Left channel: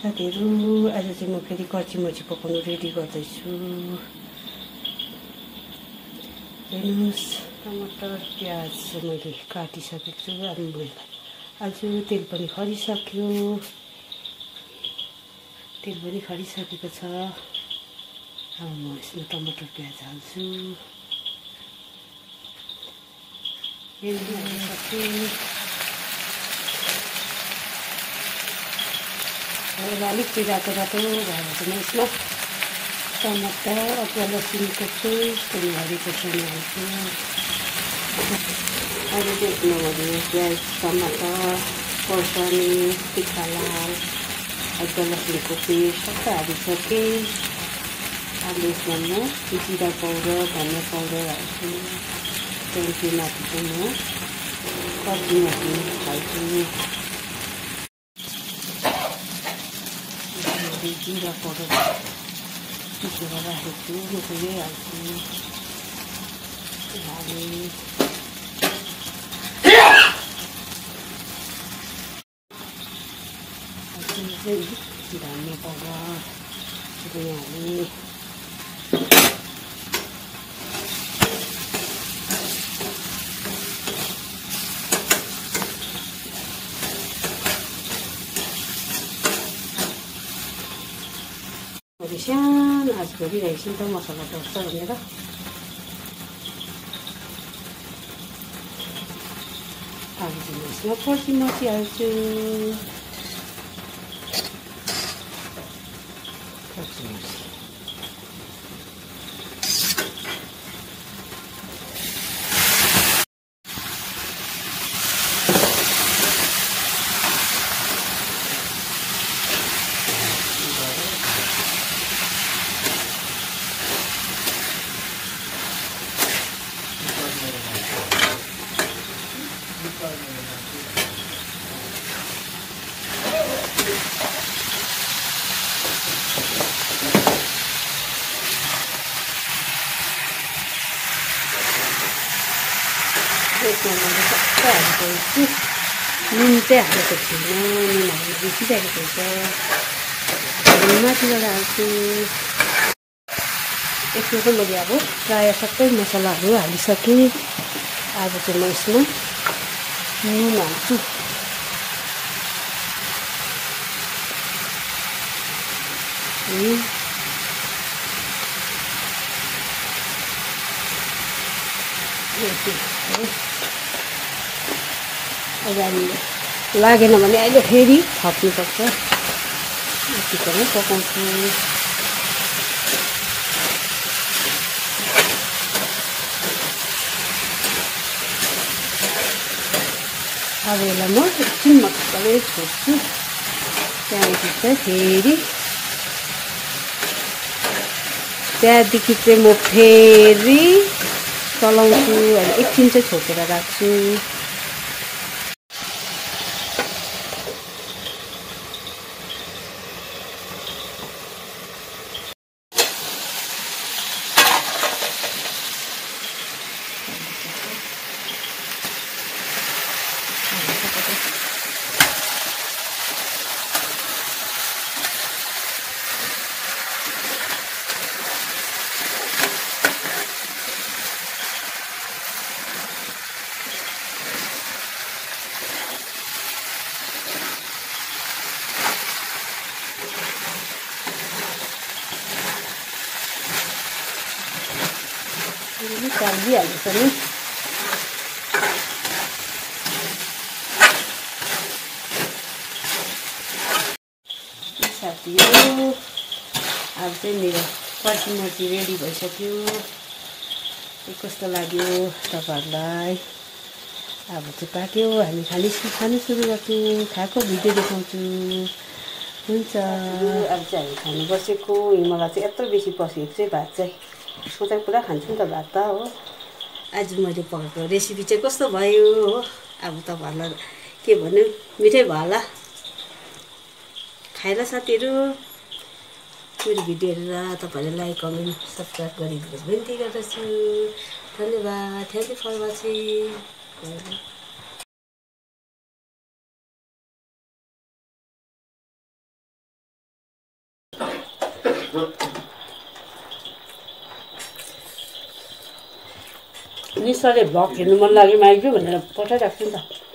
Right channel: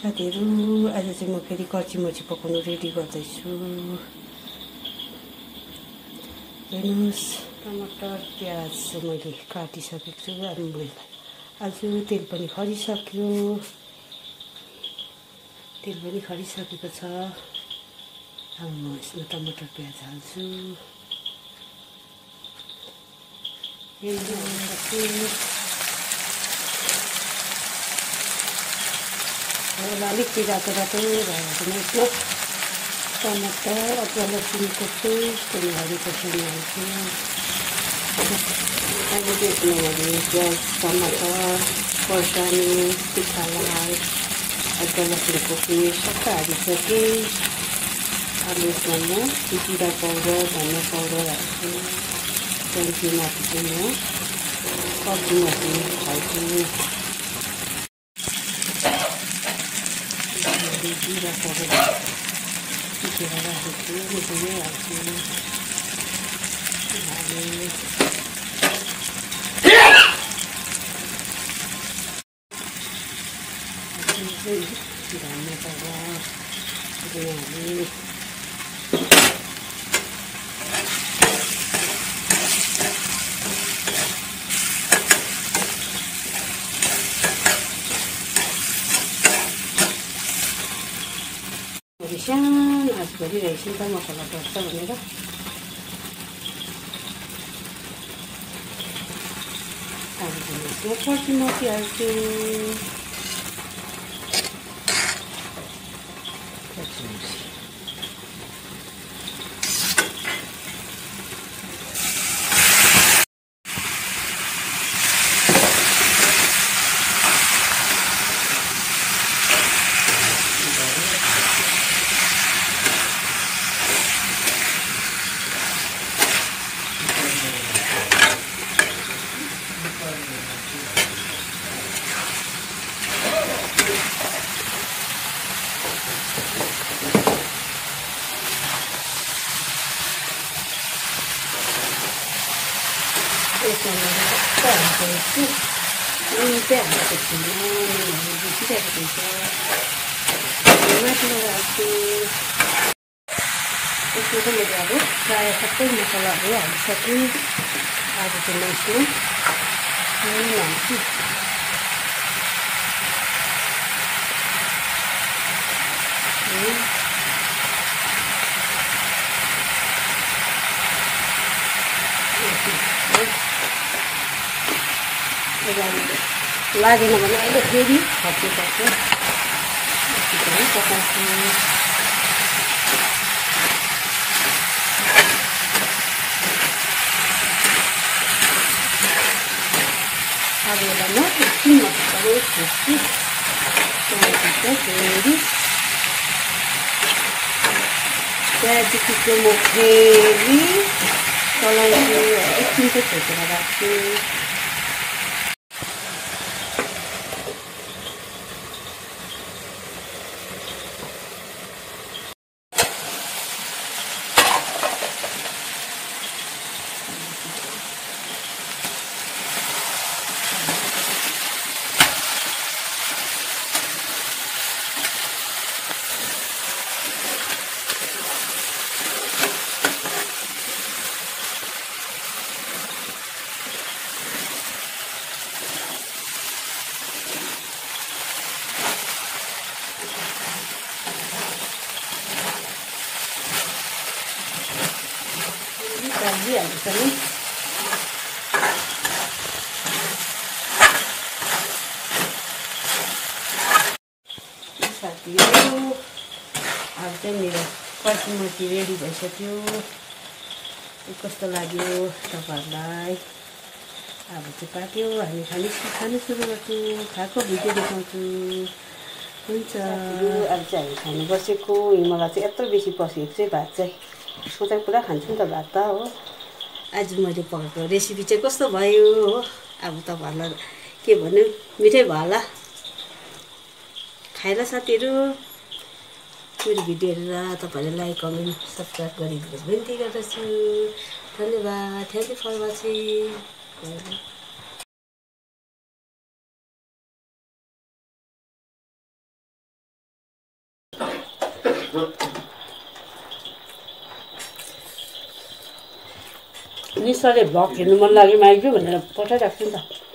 साथीहरु आज चाहिँ म फेरि कर्चीमर्ची पकाउनु रेडी गर्दैछु। हेर्नुस् टमाटर प्याज मैले काटिसकेको छु। आज तेल पनि खरिसक्यो। छ। अब म यसमा टमाटर प्याज हाल्छु। अलिक रातो रातो भएर पनि यसमा टमाटर अदुवा लसुनको पेस्ट अनि हरियो खोर्सानी हाल्छु। अब त्यसमा मैले प्याज टमाटर खोर्सानी तिखा लाल अदुवा लसुनको पेस्ट सबै हालिसकेँ। अब यसमा म जिरा पाउडर धनियाँ पाउडर हाल्छु। त्यहाँदेखि माथि चाहिँ म कर्चीमर्ची हाल्छु। जिरा पाउडर पिसेर राखेको छु त्यसैले हाल्छु। धनियाँ पाउडर हालेँ। सानो आँच गरिरहेको छु नि त मसला पर्छ भनेर। अब यसमा कर्चीमर्ची हाल्छु। नुन चाहिँ हालेको छुइनँ, नुनहरू बेसिरहेको हुन्छ। माथिबाट हाल्छु। यसमा चाहिँ मैले अब प्रायः सबै मसलाहरू हालिसकेँ। अब चाहिँ म यसमा नुन हाल्छु। लागेन भने अहिले फेरि थप्नुपर्छ। पनि पकाउँछु। अब यसलाई म एकछिन मजाले छोड्छु। त्यहाँदेखि चाहिँ फेरि त्यहाँदेखि चाहिँ म फेरि चलाउँछु। एकछिन चाहिँ छोपेर राख्छु। सब्जी हाल्छ नि। साथीहरु अब चाहिँ मेरो कर्चीमर्ची रेडी भइसक्यो। कस्तो लाग्यो तपाईहरुलाई? अब चाहिँ पाक्यो। हामी खानु सुरु गर्छौँ। खाएको भिडियो देखाउँछु। हुन्छ। अब चाहिँ हामी खानु बसेको। मलाई चाहिँ यत्रो बेसी पसेको चाहिँ भात चाहिँ म चाहिँ पुरा खान्छु नि त भात त हो। आज मैले पकाएको रेसिपी चाहिँ कस्तो भयो हो। अब तपाईहरुलाई के भन्नु, मिठै भयो होला। खाएर साथीहरु मेरो भिडियो हेरेर तपाईहरुले लाइक कमेन्ट सब्स्क्राइब गरिदिनु बिन्ती गर्दछु। धन्यवाद। Thank you for watching. निशाले भ्लग हेर्नु मन लाग्यो माइजू भनेर पठाइराख्छु नि त।